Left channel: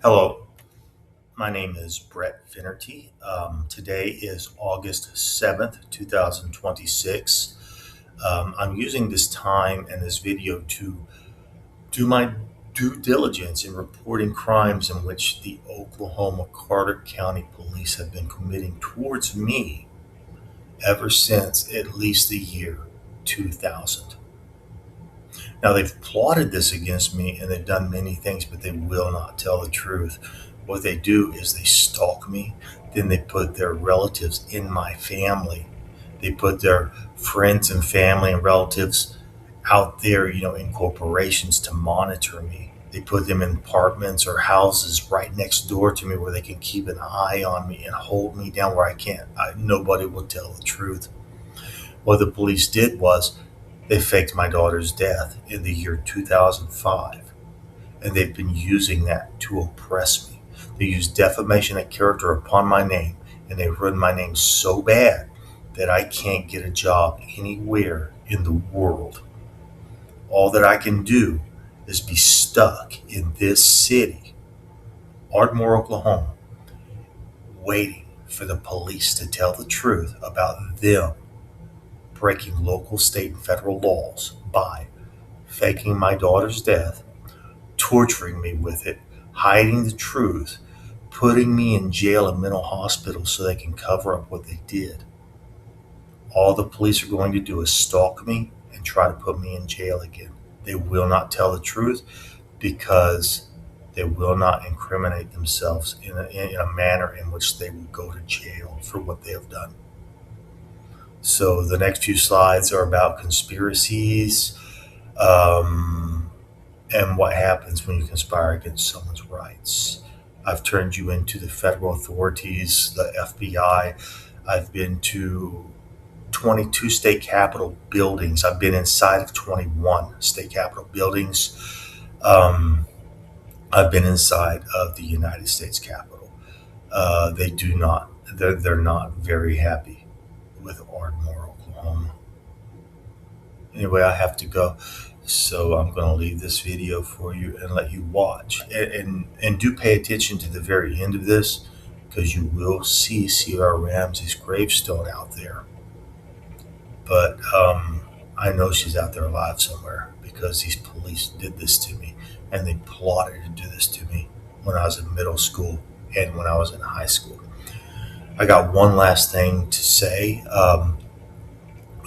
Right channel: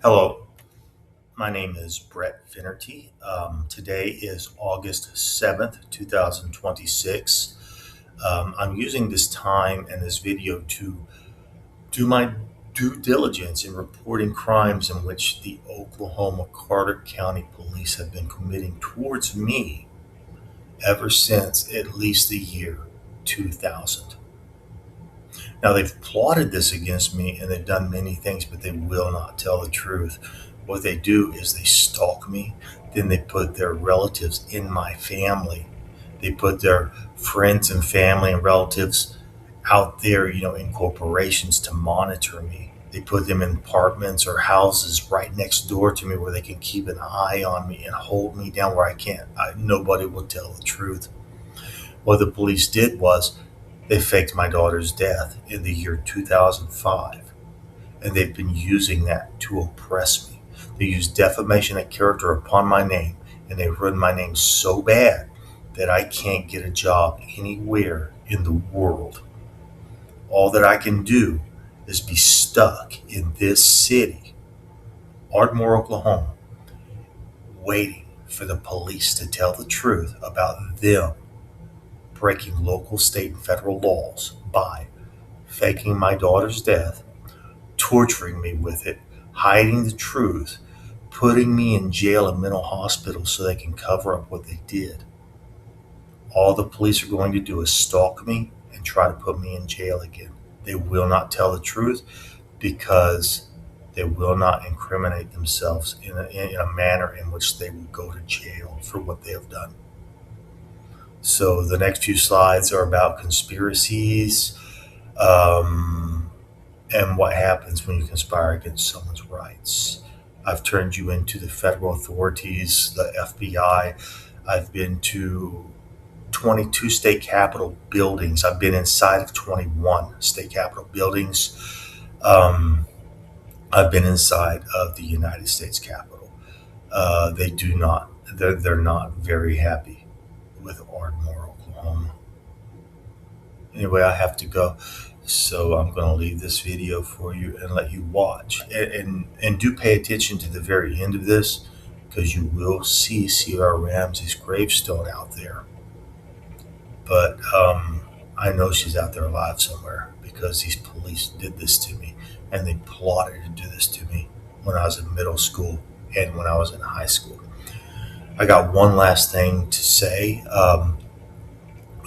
Hello, my name is Brett Finnerty. Today is August 7th, 2026. I'm using this time and this video to do my due diligence in reporting crimes in which the Oklahoma Carter County Police have been committing towards me ever since at least the year 2000. Now, they've plotted this against me and they've done many things, but they will not tell the truth. What they do is they stalk me, then they put their relatives in my family. They put their friends and family and relatives out there, in corporations to monitor me. They put them in apartments or houses right next door to me where they can keep an eye on me and hold me down where nobody will tell the truth. What the police did was they faked my daughter's death in the year 2005, and they've been using that to oppress me. They use defamation of character upon my name, and they run my name so bad that I can't get a job anywhere in the world. All that I can do is be stuck in this city, Ardmore, Oklahoma, waiting for the police to tell the truth about them breaking local, state, and federal laws by faking my daughter's death, torturing me with it, hiding the truth, putting me in jail and mental hospital so they can cover up what they did. All the police are going to do is stalk me and try to put me in jail again. They will not tell the truth because they will not incriminate themselves in a manner in which they will go to jail for what they have done. So the next few slides are about conspiracies, um, and what happens when you conspire against someone's rights. I've turned you into the federal authorities, the FBI. I've been to 22 state capitol buildings. I've been inside of 21 state capitol buildings. Um, I've been inside of the United States Capitol. They do not, they're not very happy with Ardmore, Oklahoma. Anyway, I have to go. So I'm going to leave this video for you and let you watch. And do pay attention to the very end of this because you will see Sierra Ramsey's gravestone out there. But I know she's out there alive somewhere because these police did this to me and they plotted to do this to me when I was in middle school and when I was in high school. I got one last thing to say.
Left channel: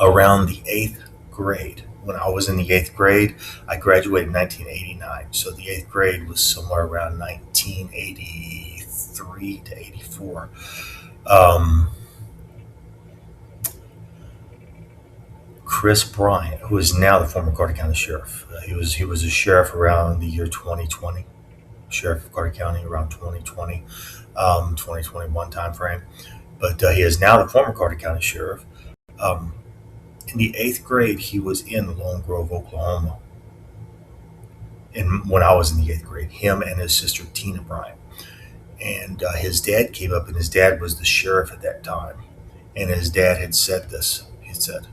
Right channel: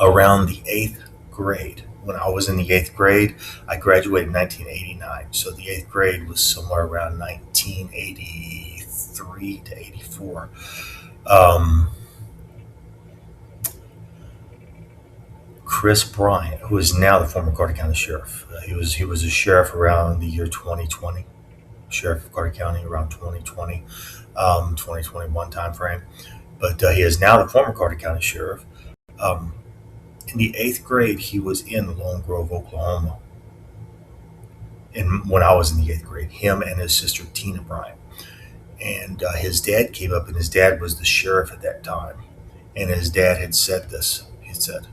Around the eighth grade, when I was in the eighth grade, I graduated in 1989. So the eighth grade was somewhere around 1983 to 84. Um, Chris Bryant, who is now the former Carter County Sheriff, he was a sheriff around the year 2020, sheriff of Carter County around 2020, 2021 timeframe. But he is now the former Carter County Sheriff. Um, in the eighth grade, he was in Lone Grove, Oklahoma. And when I was in the eighth grade, him and his sister Tina Bryant. And his dad came up, and his dad was the sheriff at that time. And his dad had said this. He said,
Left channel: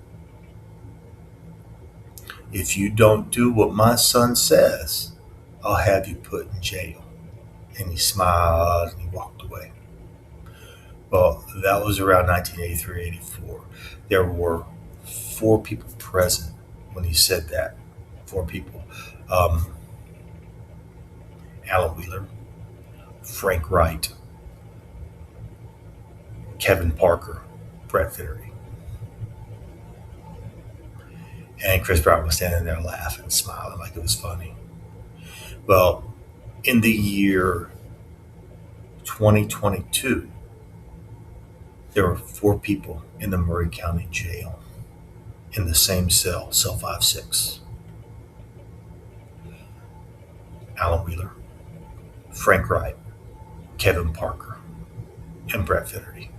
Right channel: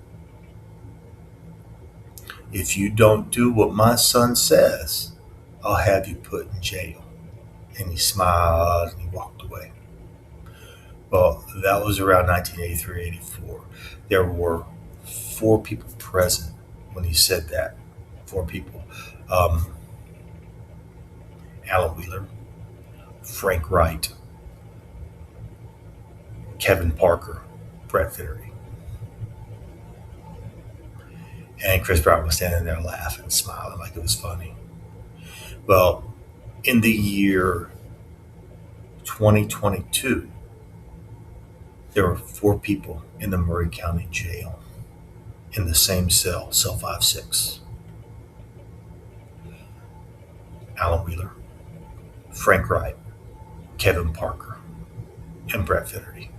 "If you don't do what my son says, I'll have you put in jail." And he smiled and he walked away. Well, that was around 1983, 84. There were four people present when he said that. Four people. Um, Alan Wheeler, Frank Wright, Kevin Parker, Brett Finnery. And Chris Brown was standing there laughing, smiling like it was funny. Well, in the year 2022, there were four people in the Murray County Jail in the same cell 5-6. Alan Wheeler, Frank Wright, Kevin Parker, and Brett Finnerty.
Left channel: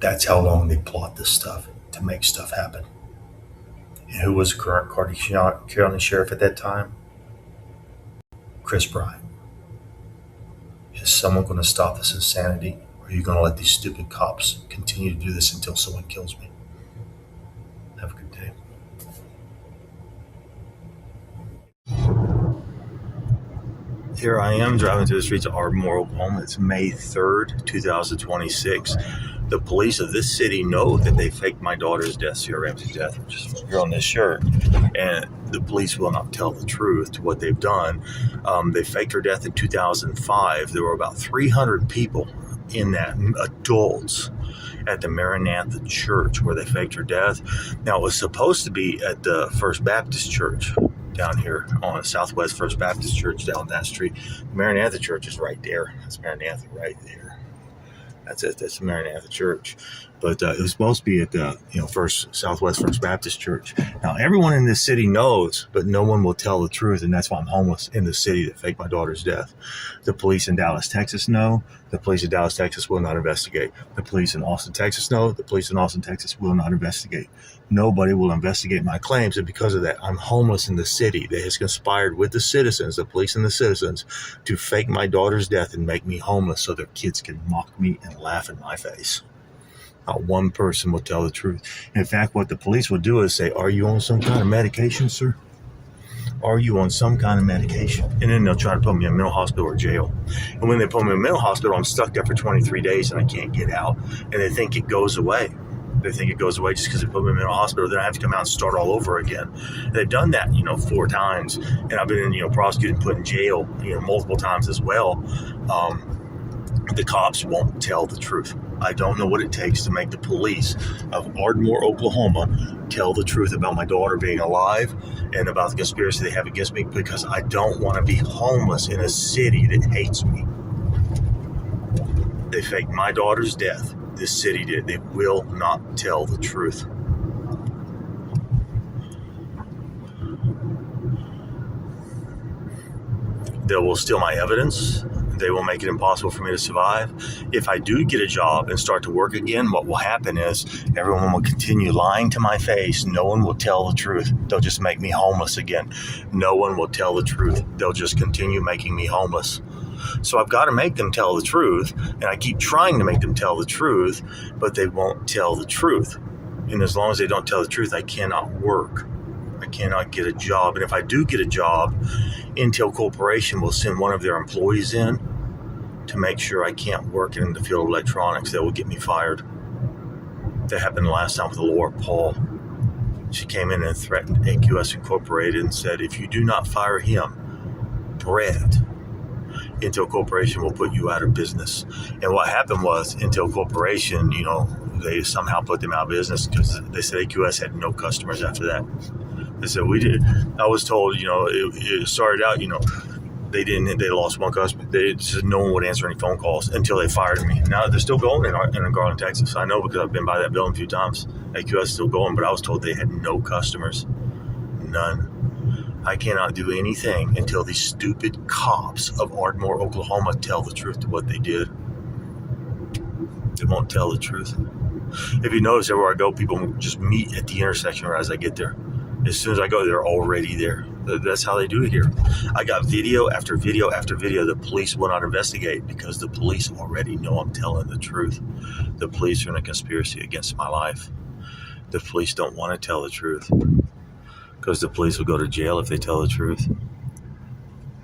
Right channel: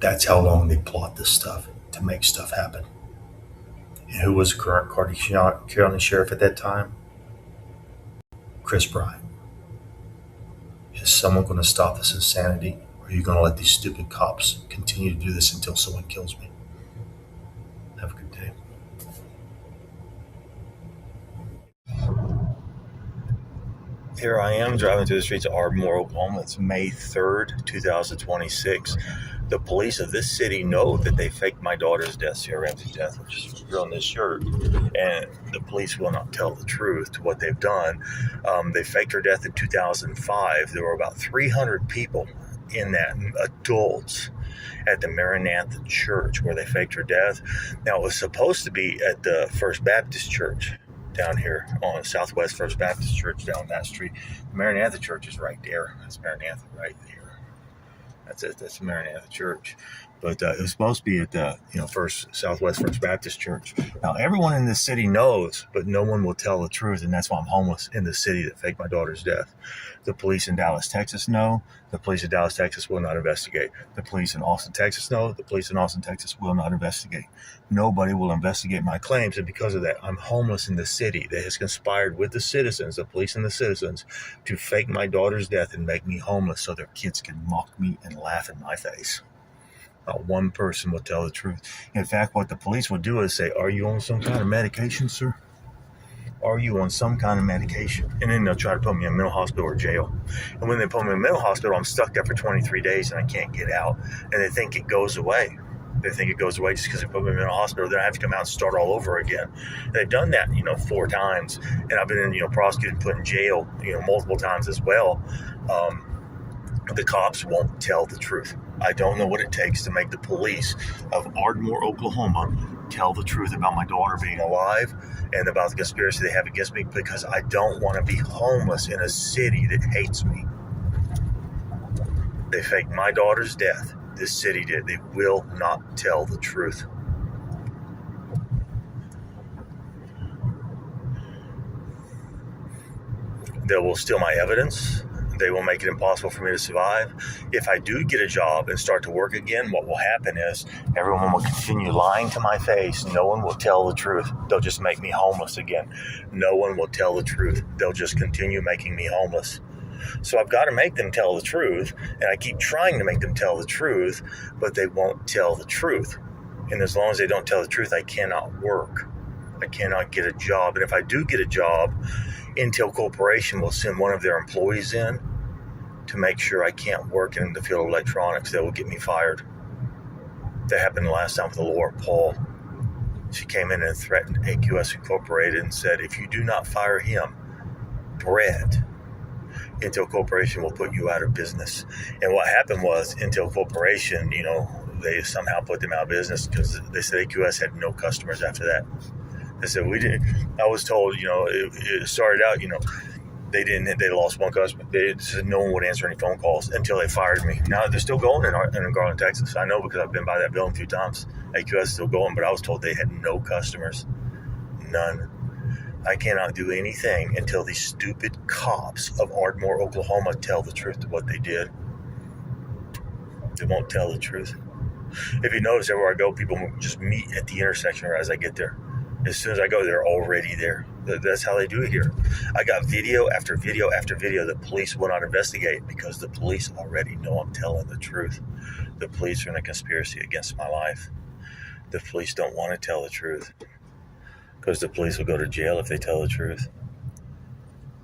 That's how long they plot this stuff to make stuff happen. And who was the current Carter County Sheriff at that time? Chris Bryant. Is someone going to stop this insanity? Or are you going to let these stupid cops continue to do this until someone kills me? Have a good day. Here I am driving through the streets of Ardmore, Oklahoma. It's May 3rd, 2026. The police of this city know that they faked my daughter's death, Sierra Ramsey's death, which is here on this shirt. And the police will not tell the truth to what they've done. They faked her death in 2005. There were about 300 people in that, adults, at the Maranatha Church where they faked her death. Now, it was supposed to be at the First Baptist Church down here on Southwest First Baptist Church down that street. The Maranatha Church is right there. That's Maranatha right there. That's it. That's the Maranatha Church. But it was supposed to be at the Southwest First Baptist Church. Now, everyone in this city knows, but no one will tell the truth, and that's why I'm homeless in the city that faked my daughter's death. The police in Dallas, Texas know. The police in Dallas, Texas will not investigate. The police in Austin, Texas know. The police in Austin, Texas will not investigate. Nobody will investigate my claims, and because of that, I'm homeless in the city that has conspired with the citizens, the police and the citizens, to fake my daughter's death and make me homeless so their kids can mock me and laugh in my face. Not one person will tell the truth. In fact, what the police will do is say, "Are you on some kind of medication, sir? Are you on some kind of medication?" And then they'll try to put me in a mental hospital or jail. And when they put me in a mental hospital, I'm stuck there for 23 days and I can't get out. And they think it goes away. They think it goes away just because they put me in a mental hospital. Then I have to come out and start all over again. And they've done that, 4 times. And I've been, prosecuted and put in jail, multiple times as well. The cops won't tell the truth. I don't know what it takes to make the police of Ardmore, Oklahoma, tell the truth about my daughter being alive and about the conspiracy they have against me, because I don't want to be homeless in a city that hates me. They faked my daughter's death. This city did. They will not tell the truth. They will steal my evidence. They will make it impossible for me to survive. If I do get a job and start to work again, what will happen is everyone will continue lying to my face. No one will tell the truth. They'll just make me homeless again. No one will tell the truth. They'll just continue making me homeless. So I've got to make them tell the truth, and I keep trying to make them tell the truth, but they won't tell the truth. And as long as they don't tell the truth, I cannot work. I cannot get a job. And if I do get a job, Intel Corporation will send one of their employees in to make sure I can't work in the field of electronics. They will get me fired. That happened last time with Laura Paul. She came in and threatened AQS Incorporated and said, if you do not fire him, Brett, Intel Corporation will put you out of business. And what happened was Intel Corporation, they somehow put them out of business because they said AQS had no customers after that. They said, we did. I was told, it started out, they lost one customer. They said no one would answer any phone calls until they fired me. Now they're still going in Garland, Texas. I know because I've been by that building a few times. AQS is still going, but I was told they had no customers. None. I cannot do anything until these stupid cops of Ardmore, Oklahoma tell the truth to what they did. They won't tell the truth. If you notice, everywhere I go, people just meet at the intersection right as I get there. As soon as I go, they're already there. That's how they do it here. I got video after video after video. The police will not investigate because the police already know I'm telling the truth. The police are in a conspiracy against my life. The police don't want to tell the truth because the police will go to jail if they tell the truth.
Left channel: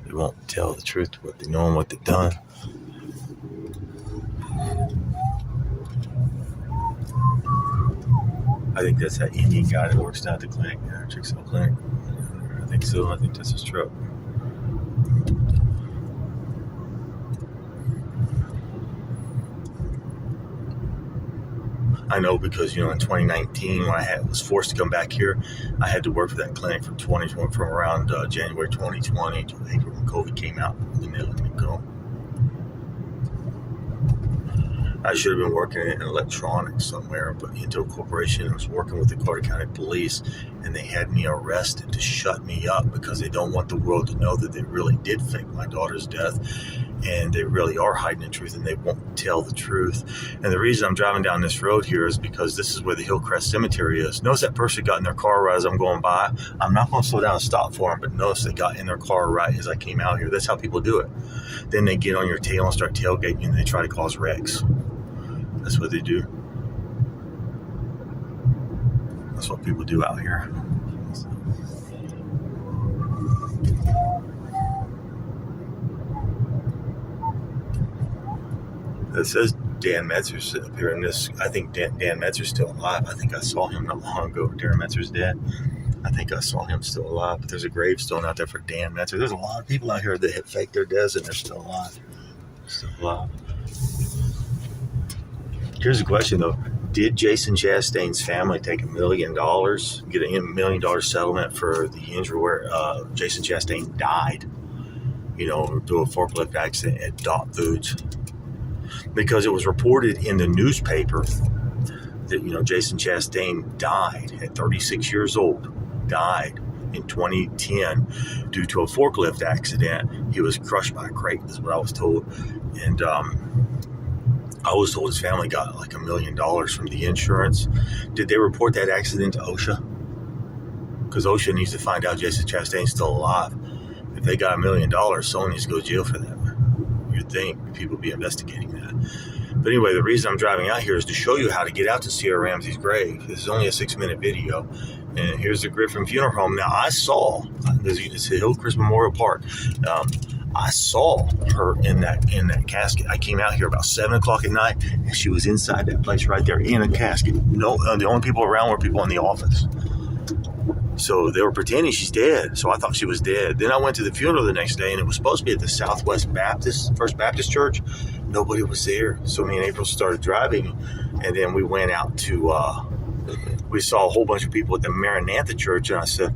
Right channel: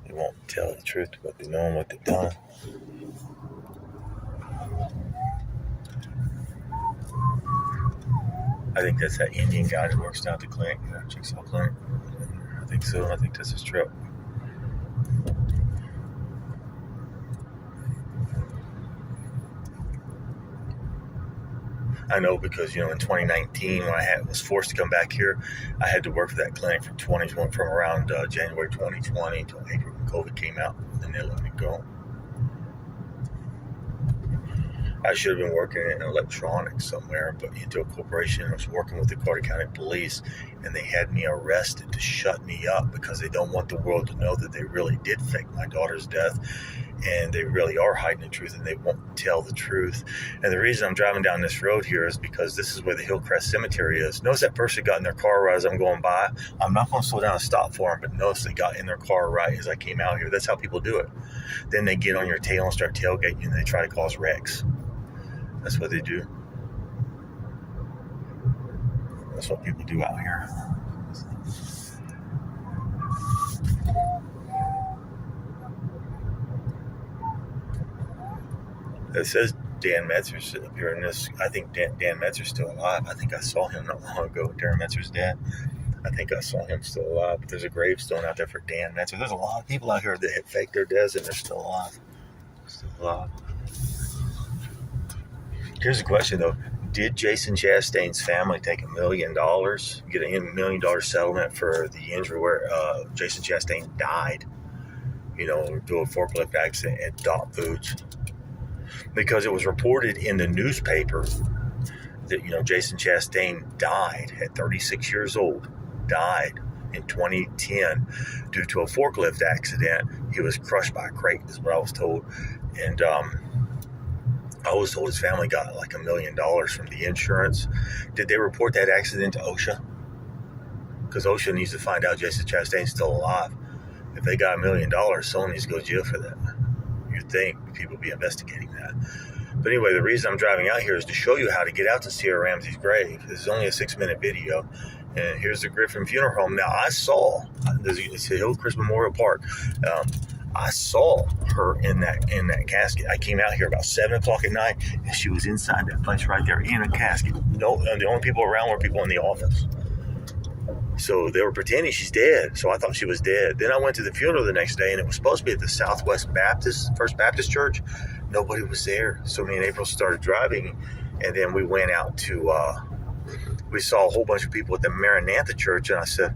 They won't tell the truth to what they know and what they've done. I think that's that Indian guy who works down at the clinic, Chick-fil-A clinic. I think so. I think that's his truck. I know because, in 2019, when I was forced to come back here, I had to work for that clinic from around January 2020 until April when COVID came out, and then they let me go. I should have been working in electronics somewhere, but Intel Corporation was working with the Carter County Police, and they had me arrested to shut me up because they don't want the world to know that they really did fake my daughter's death, and they really are hiding the truth, and they won't tell the truth. And the reason I'm driving down this road here is because this is where the Hillcrest Cemetery is. Notice that person got in their car right as I'm going by. I'm not going to slow down and stop for them, but notice they got in their car right as I came out here. That's how people do it. Then they get on your tail and start tailgating you, and they try to cause wrecks. That's what they do. That's what people do out here. It says Dan Metzer's up here in this. I think Dan Metzer's still alive. I think I saw him not long ago. Darren Metzer's dead. I think I saw him still alive. But there's a gravestone out there for Dan Metzer. There's a lot of people out here that have faked their deaths and they're still alive. Still alive. Here's the question though. Did Jason Chastain's family take $1 million, get a $1 million settlement for the injury where Jason Chastain died, due to a forklift accident at Dot Foods? Because it was reported in the newspaper that, Jason Chastain died at 36 years old, died in 2010 due to a forklift accident. He was crushed by a crate, is what I was told. And I was told his family got like $1 million from the insurance. Did they report that accident to OSHA? Because OSHA needs to find out Jason Chastain's still alive. If they got $1 million, someone needs to go to jail for that. You'd think people would be investigating that. But anyway, the reason I'm driving out here is to show you how to get out to Sierra Ramsey's grave. This is only a 6-minute video. And here's the Griffin Funeral Home. Now, I saw, it's Hillcrest Memorial Park. I saw her in that casket. I came out here about 7 o'clock at night, and she was inside that place right there in a casket. No, the only people around were people in the office. So they were pretending she's dead. So I thought she was dead. Then I went to the funeral the next day, and it was supposed to be at the Southwest First Baptist Church. Nobody was there. So me and April started driving, and then we went out to, we saw a whole bunch of people at the Maranatha Church, and I said,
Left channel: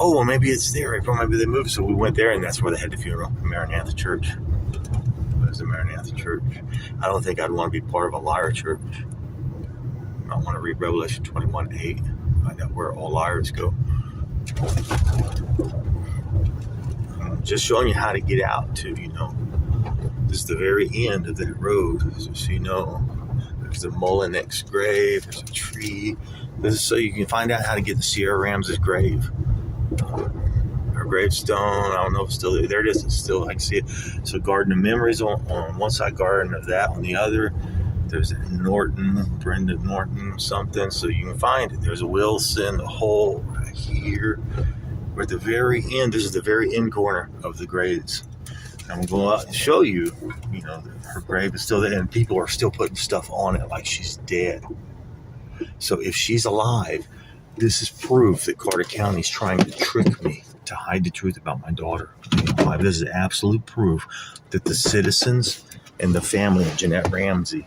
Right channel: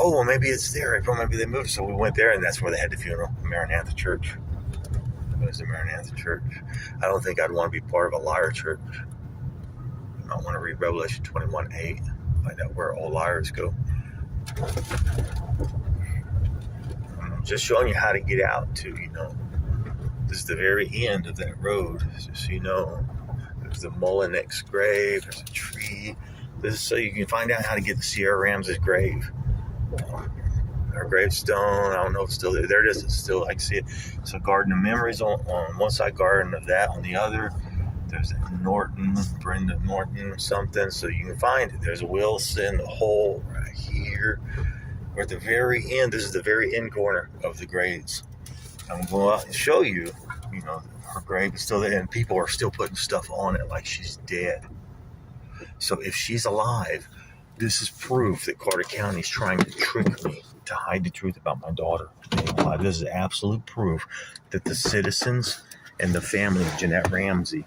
oh, well, maybe it's there, April. Maybe they moved. So we went there, and that's where they had the funeral, Maranatha Church. It was the Maranatha Church. I don't think I'd want to be part of a liar church. I want to read Revelation 21:8, find out where all liars go. I'm just showing you how to get out to, this is the very end of that road, just so you know. There's a Mullinex grave, there's a tree. This is so you can find out how to get to Sierra Ramsey's grave. Her gravestone, I don't know if it's still there. There it is, it's still, I can see it. So Garden of Memories on one side, Garden of that on the other. There's a Brenda Norton something, so you can find it. There's a Wilson, the hole right here. We're at the very end. This is the very end corner of the graves. I'm going to go out and show you, her grave is still there, and people are still putting stuff on it like she's dead. So if she's alive, this is proof that Carter County is trying to trick me to hide the truth about my daughter. This is absolute proof that the citizens and the family of Jeanette Ramsey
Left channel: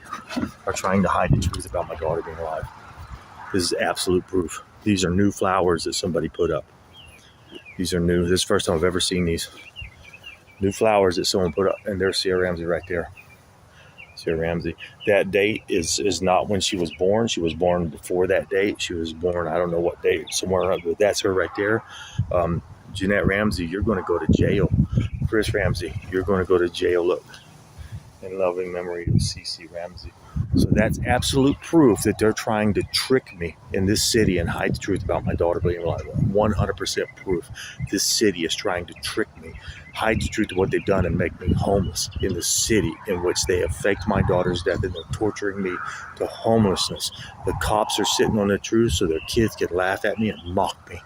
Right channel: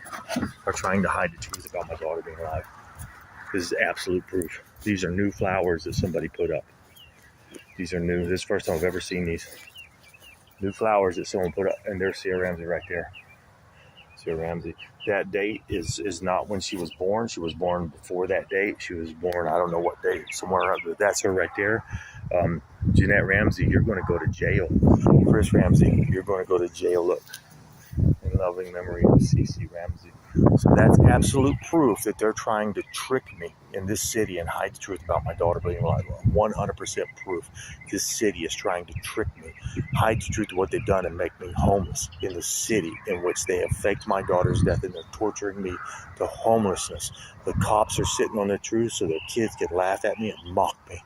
are trying to hide the truth about my daughter being alive. This is absolute proof. These are new flowers that somebody put up. These are new. This is the first time I've ever seen these. New flowers that someone put up, and there's Sierra Ramsey right there. Sierra Ramsey. That date is not when she was born. She was born before that date. She was born, I don't know what date, somewhere up, but that's her right there. Jeanette Ramsey, you're going to go to jail. Chris Ramsey, you're going to go to jail. Look. In loving memory of C.C. Ramsey. So that's absolute proof that they're trying to trick me in this city and hide the truth about my daughter being alive. 100% proof. This city is trying to trick me, hide the truth of what they've done, and make me homeless in the city in which they have faked my daughter's death, and they're torturing me to homelessness. The cops are sitting on the truth so their kids can laugh at me and mock me.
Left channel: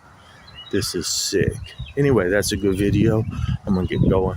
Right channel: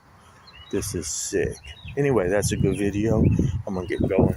This is sick. Anyway, that's a good video. I'm going to get going.